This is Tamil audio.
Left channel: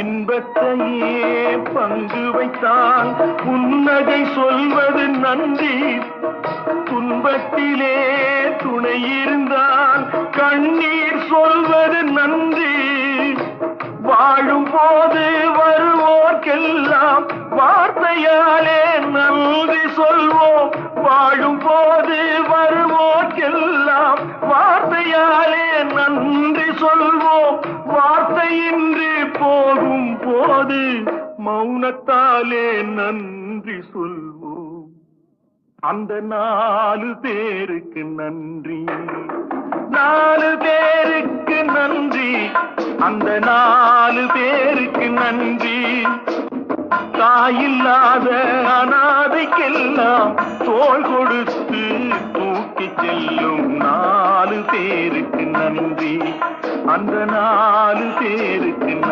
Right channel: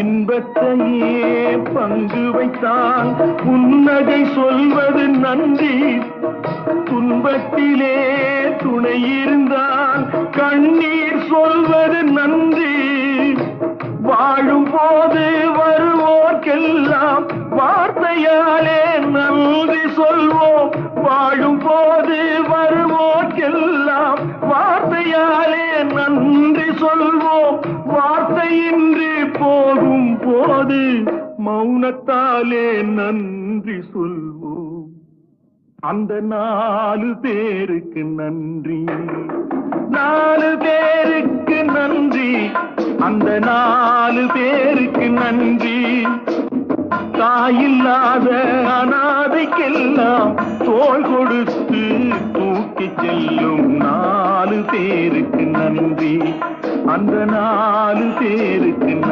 இன்பத்தையே பங்கு வைத்தான் புன்னகை சொல்வது நன்றி. துன்பத்திலே துணை இருந்தால் கண்ணீர் சொல்வது நன்றி. வாழும் போது வருவோர்க்கெல்லாம் வார்த்தையாலே நன்றி சொல்வோம். வாழும் போது வருவோர்க்கெல்லாம் வார்த்தையாலே நன்றி சொல்வோம். வார்த்தையின்றி போகும் போது மௌனத்தாலே நன்றி சொல்வோம். அந்த 4 பேருக்கு நன்றி, 4 பேருக்கு நன்றி, அந்த 4 பேருக்கு நன்றி. தாயில்லாத அனாதைக்கெல்லாம் தோள் கொடுத்து தூக்கிச் செல்லும் 4 பேருக்கு நன்றி, அந்த 4 பேருக்கு நன்றி.